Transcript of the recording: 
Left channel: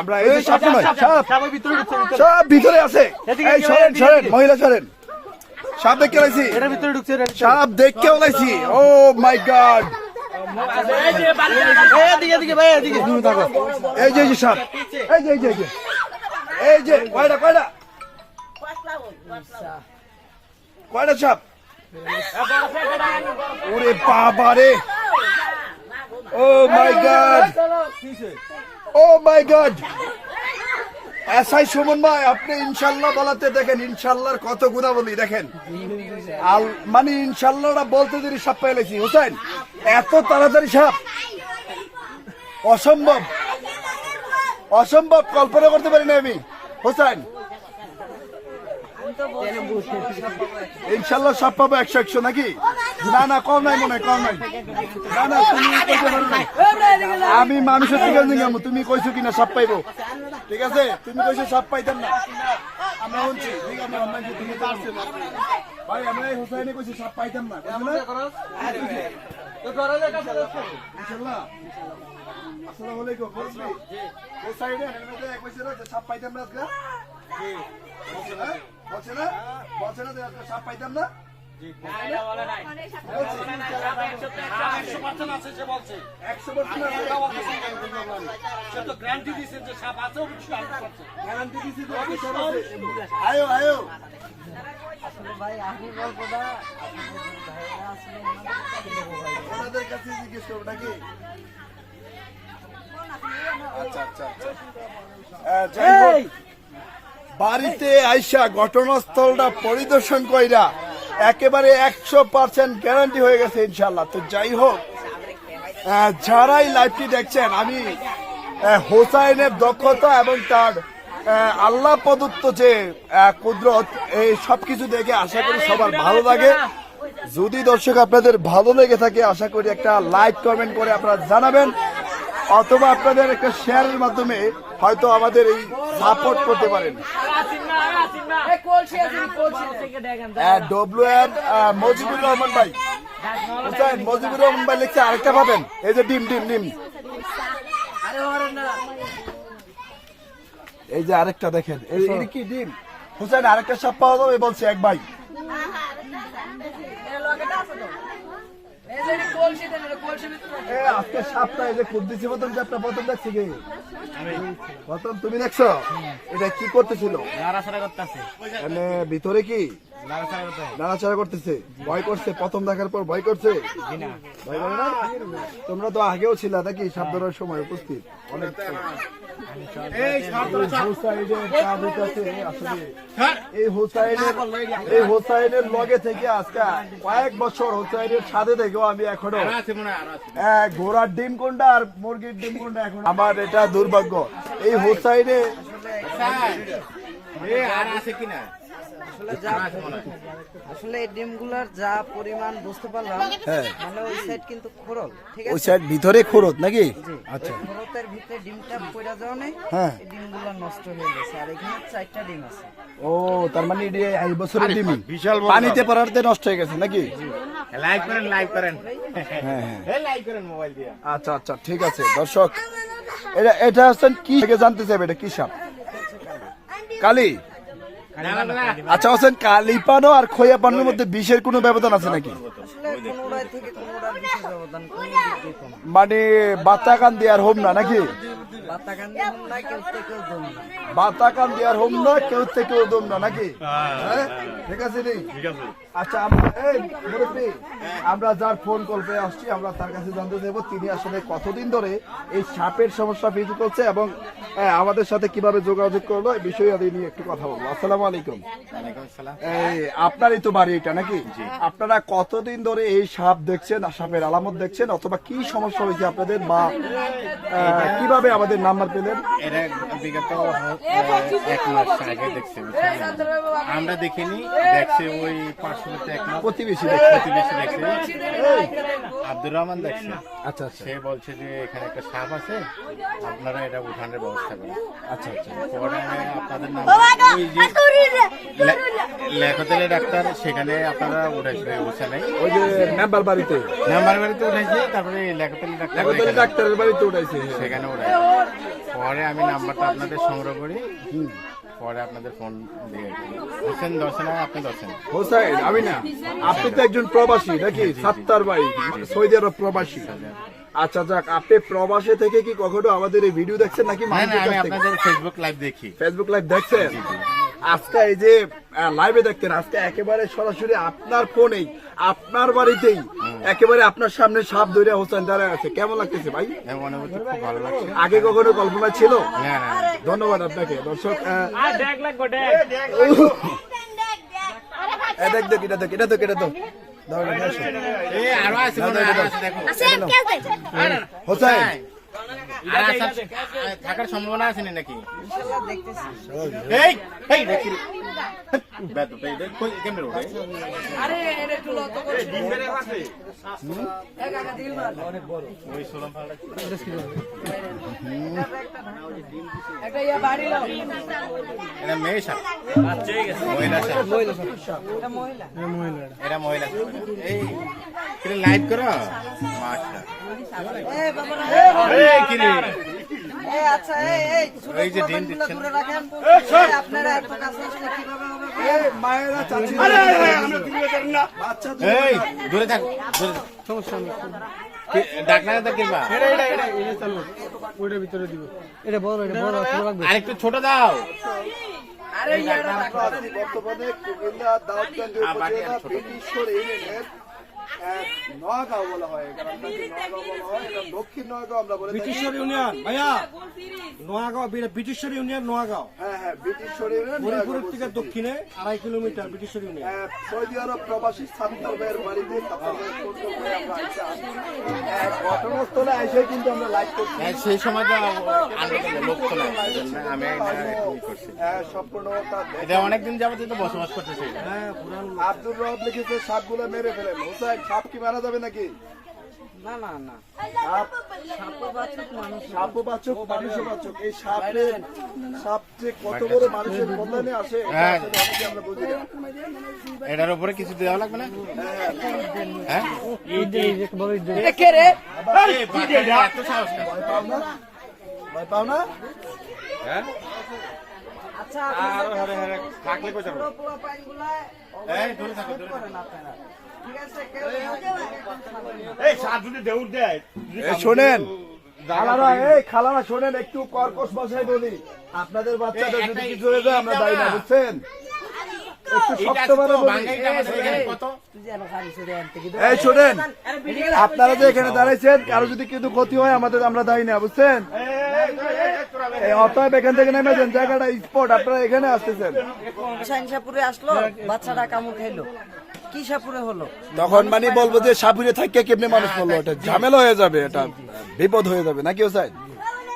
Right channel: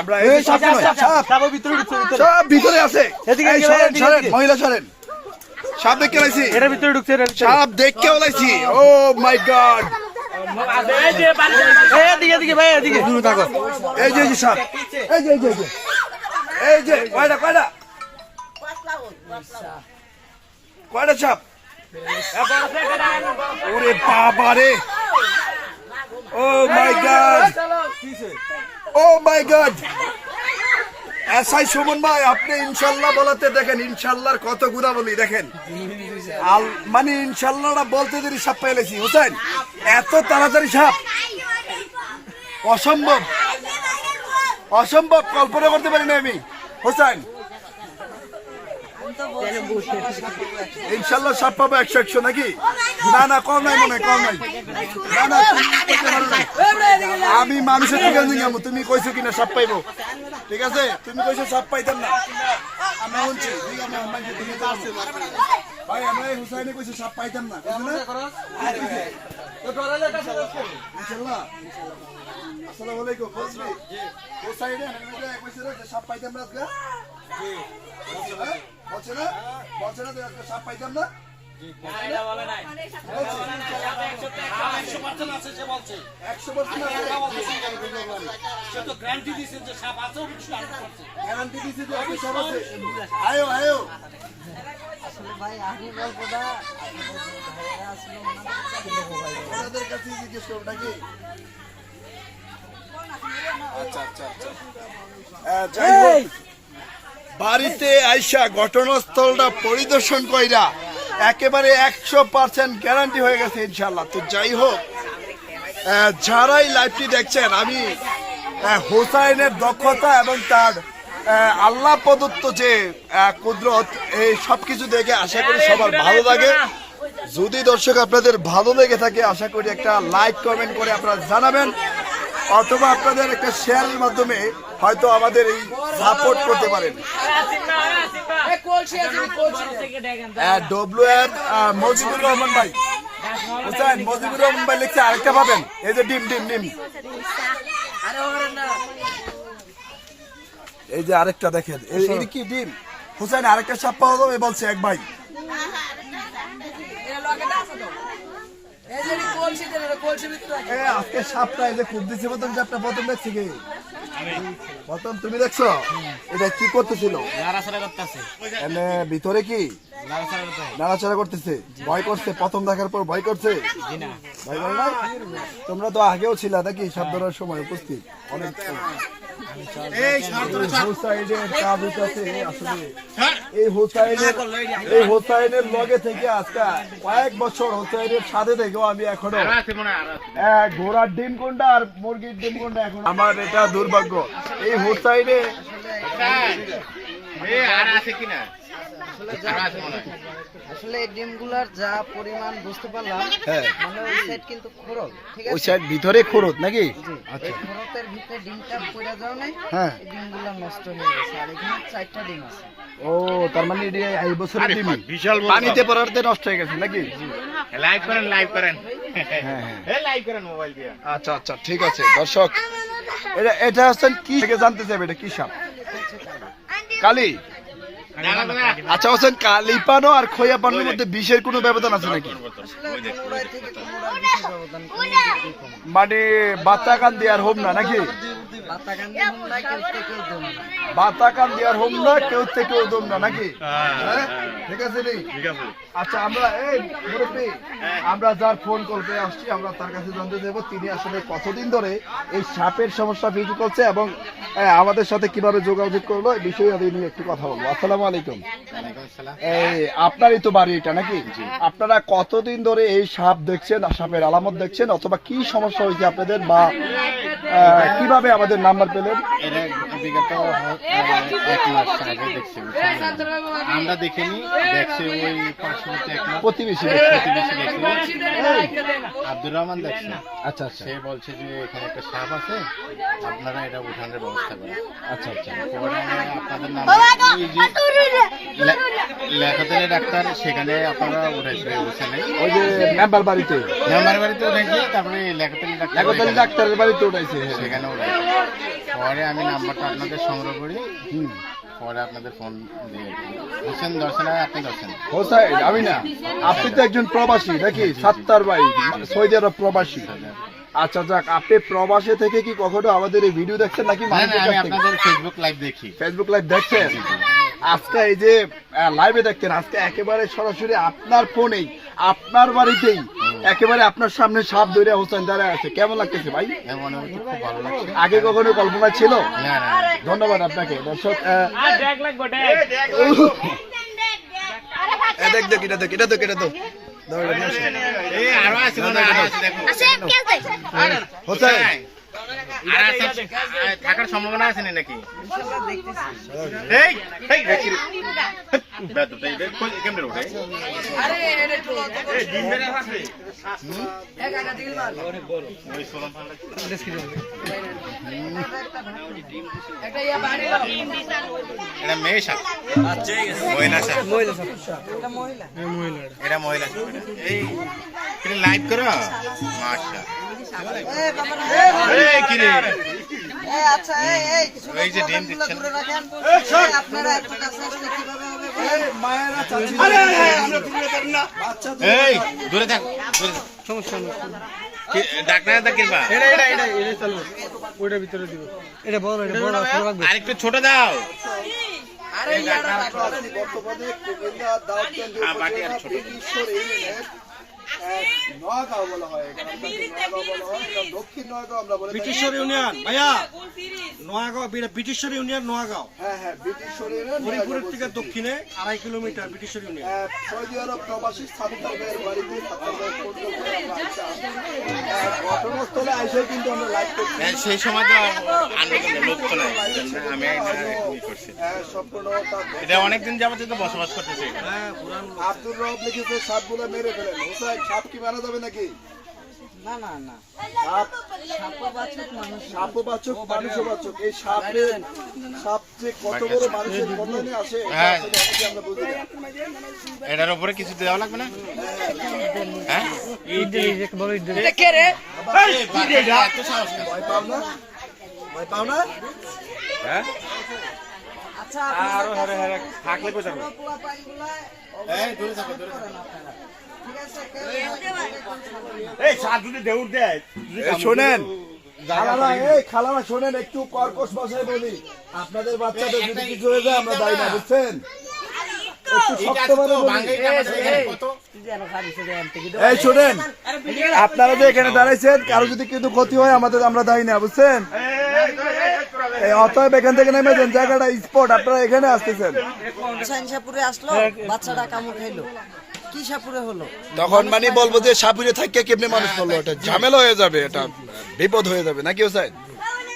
আমরা এই যে নয়, সাপ ভিতরে সব ভিতরে আছে। এদিকে, সরেন সরেন মহিলা সরেন। সাপ দেখতে লাইছি এটার ভিতরে ঢুকছে সাপ দেখতে লাইছি ও মাই গড। এদিকে এদিকে ভাই এদিকে। দূরে থাকো। এই যে সাপ এই যে এই যে এই যে। কয়টা কয়টা? কয়টা সাপ ওরে বাবা রে ও my god oh my god SI Sumon ভাই, আপনি ইনশাল্লাহ বলাতে দেখেন, ইনশাল্লাহর কত গুণা বলি দেখেন। আল মানে ইনশাল্লাহটা বলতে দেরি সাপ পেলেছি হোসেন এত তাড়াতাড়ি সাপ। অসম্ভব। অসম্ভব, কল্পনা করতে পারিনি আমি। হোসেন ইনশাল্লাহ সব পাবো। একশো একশো নাকি? না না কম নাই মনে হয়, কম নাই। না না তুমি। আমি মানুষের তুমি কইছো কিনা সব পাইবো। ঠিক আছে? তুমি কইছো সব পাইতাম না। আমরা শুনছি ঠিক আছে আমরা মানুষের তো আসছে। ভাই আমরা হুসাইনে কইছো সব পাইতাম না কইছো না? ইনশাল্লাহ। আসসালামু আলাইকুম হুসাইনে কইছো না যে সব পাইতাম না আজকে? বলছে না বলছে না? বলছে না যে আজকে সব পাইতাম না? একশো পার্সেন্ট গ্যারান্টি দিছে যে আপনি সব আছে। আয়ো আয়ো ভাই আমি বলব না। আসলে ওনাদের কাছে জিজ্ঞেস করব নাকি? আচ্ছা আচ্ছা আচ্ছা। হোক, বাড়িতে আইসা ঘটনাস্থলটা পরিদর্শন কইরা একেবারে একশো পার্সেন্ট গ্যারান্টি হয়ে গেছে ইনশাল্লাহ তো যাই হোক যারাই লাইভটি দেখছেন, আমি হোসাইনের দক্ষতা এবং তার আল্লাহ প্রদত্ত যে কুদরত, এই সবকিছু দেখে আশা করি সবার ভালো লাগে। যদি দর্শক আপনাদের ভালো লেগে থাকে, আশা করি একটা লাইক কমেন্ট করে আপনারা জানাবেন। অথবা আপনাদের একটা শেয়ারের মাধ্যমে হয়তো আমাদের এই সাপোর্ট করতে পারেন। ডব্লিউ এর মজিবুর রহমান ভাই। বুঝছেন? মজিবুর রহমান ভাই লিখছে আরেকটা পাবেন। এই যে ডিম ডিম ডিম। এই যে আরেকটা দেখেন। এই কি ডিম? হুসেন আরেকটা সাপ পাওয়া যাবে বলছে এক ভাই। আজকে সাপটা এই যে খুব দিছে প্রথম সাপটা প্রথম দেখছি কি? প্রথম তুমি দেখছ? এটা কি করতেছিল? নাড়াচাড়া করতেছে। এনে ভিতরে কি? নাড়াচাড়া করতেছে। ভয় করছে প্রথম দেখার পর ভয় করছে? ভয় করে না? তোমরা তো আগেও ছিল নাকি? সাপ ধরার সময় উপস্থিত। অনেক এই হোসাইনের এই এই হোসাইনের লগে থেকে আজকে কয়েক বছর হোসাইনের সাথে থেকেও আমি এখনও এক ঘোড়ার ডিম কোনটা আর মুরগির ডিম কোনটা এখন? আমার এটা দুর্ভাগ্য। এই হোসাইনে আসলে এই ডিমগুলোর যা পরিমাণ বুঝতে পারলাম হ্যাঁ। মানে ওই সাইড কিন্তু খোরল ঠিক ওই সাইড ভিতরে নাকি? আচ্ছা। খরতের ভিতরে ডিমটা পড়ে হ্যাঁ। ডিমগুলো নষ্ট হয়ে গেছে। আর এখানে চারটা ডিম আছে। ও তার মানে এই বছরের ডিম। বিশাল পানিতে পড়াতে নষ্ট হয়ে গেছে নাকি? লাইভ করেন লাইভ করেন। হ্যাঁ হ্যাঁ। লাইভ করেন মোবাইল দিয়ে। আচ্ছা আচ্ছা ঠিক আছে দর্শক। এটা এটা হচ্ছেন কি থেকে জানতে চাইবে? এটা কি সাপ? কালি। আচ্ছা হোসেন কালি পানো আর খোয়া পানোর মধ্যে বিষের কোনো ব্যবধান আছে নাকি। মানে বাচ্চা কান দেওয়ার হোম না নাকি? বাতা কান দেওয়ার হোম না কেউ না হ্যাঁ? ঠিক আছে আচ্ছা আমরা এই আমরা যার ফোন কল পেয়ে আসছি আমরা তার কাছে জানতে চাইব তিনি আসলে কতদিন ধরে এই সাপের সমস্যা ফিল করছে এবং আমাদের সাথে কীভাবে যোগাযোগ করল এই বিষয়ে আদি নিয়ে একটু কথা বলব। আসসালামু আলাইকুম। এই আপনারই তো বাড়ি এটা নাকি? আপনারা কতদিন ধরে এই সাপ দেখছেন সাপের আলামত দেখছেন? অথবা কি সমস্যা হয়েছে আপনাদের? বা আহ, কীভাবে আমাদের নাম্বার পেলেন? এটা বিগত এক মাস আগে দেখছি? আমরা দেখিনি দেখছি ওই পার্শ্ববর্তী এক মাস প্রতিবেশী প্রতিবেশী দেখছি। আব্দুর রহমান দেখছে। আচ্ছা আচ্ছা। সে বলছে যে এখানে একটা সাপ আছে আপনারা এটা উঠানের ব্যবস্থা করেন। আচ্ছা আচ্ছা। পরে আপনাদের নাম ওই যে লে- লেখাতলে ডাক্তার সেখানে আপনারা উঠাইছে বুঝছেন ওই যে মেম্বার বাড়িতে। মেম্বার বাড়িতে উঠাইছে তারপরে লেখাতলি ডাক্তার ডাক্তারের বাড়িতে উঠাইছে। সেখানে পরে আমি নাম্বারটা আপনাদের সংগ্রহ করি। পরে আপনাদের ফোন দিয়ে হোসেন দর্শনা আপনি দর্শন। হোসাইন আমি না আপনি তো একজন প্রবাসী নাকি? সাত্তার ভাই সৌদি আরব প্রবাসী। আচ্ছা যাক আপনি প্রবাসী থেকে কি কখনো আমাদের এই ভিডিও দেখছেন নাকি আমি? আপনাদের ফেসবুক লাইভ দেখি। ফেসবুক লাইভ দেখছেন? আজকে এই যে লাইভে দেখতেন আজকে একেবারে সরাসরি আপনার ফোনেই আপনার বাড়িতেই একেবারে আপনার সামনে সাপ ধরে হোসেন দাঁড়ায় আছে। কেমন লাগতেছে ভাই? খুব ভালো লাগছে। আগে কখনো কল্পনা ছিল। ধন্যবাদ আপনাকে। দর্শক দেখ দেখ এটা দেখ এটা দেখ এটা দেখ। হয়, হোসেন থাকার সম্ভাবনা আছে নাকি? এটা মহিলা। এই লাইভ করো? মাশা এই আচ্ছা ছোট ওই যে ডিম পোলাপানগুলো দিচ্ছেন। দূরে রাখেন এই, আপনারা এত কাছে আসলে কীভাবে হবে বলেন? মায়েরা চাচি বাচ্চা তো- এই দূরে থাক সমস্যা নেই কি ডাক্তার কিরবা এটা এটা এটা এটা চালু ওইটার ভিতরে দিব এটা বড় এটা বড় ছোট রাখবে আরেকটু ছোট দাও বর্তমানে আর উপজেলা ছোট। ব্রিটিশর ইউনিয়নের আহ, বলা হয় হয় দক্ষিণ নোয়াগাঁও আমরা বলে ব্রিটিশর ইউনিয়ন ভাইয়া। নোয়াগাঁও বি- ব্রিটিশর ইউনিয়ন নোয়াগাঁও হ্যাঁ হ্যাঁ ব্রিটিশর ইউনিয়ন হরিপুরের থেকে দক্ষিণে আড়াই কিলোমিটার ব্রিটিশর ইউনিয়ন। সৌদি আরব প্রবাসী বাড়িতে আহ, ঘটনাস্থলে কিন্তু আমরা লাইভ করছি। হ্যাঁ, সেই সময় তো লোক তো নাই আমি করছি সম্পূর্ণ এটা অনেকদিন যাবত বসবাস করতেছি। হ্যাঁ আব্দুর রব লিখেছে সাপগুলো মেরে ফেলেন। হোসাইন সাপ কি মারা যাবে নাকি? না না না। সাপ সাপও বাচক মানুষও বাচক এই সাপের সাপ যে কত বড় মানুষের বন্ধনে আসে হ্যাঁ। আমরা বুঝি এটার উপরে কিছু দেওয়া লাগবে না? হ্যাঁ? ভয় পাও না? ভয় পাও না? আচ্ছা আপনাদের কাছে ছোট পোলাপানগুলা এই দূরে থাকো দূরে আপনারা। ঠিক আছে কেউ এই শোনেন। খালারা এই খালারা শোনেন একটু কর্কশ ভাষায় বলি। আপনাদের বাচ্চাদের যদি কিছু হয়ে যায় আমরা দায়ী না বুঝছেন? আপনারা যে এখানে দাঁড়াইছেন কারও যদি কিন্তু ক্ষতি হয় আমাদের আমরা দায়ী না বুঝছেন? অতএব এখান থেকে নেমে যান জায়গাটা স্পট আপনারা এখানে আসতেছেন। আসলো বাচ্চাটা কামড় খাইলো। কি সাপুরে হলো? তখন মানে বলব যে সাপুরে থাকে কেমনে মানুষ করল এটা ঝামেলা হয়ে যাবে এটা বিপদ হয়ে যাবে। নাকি ও হোসাইন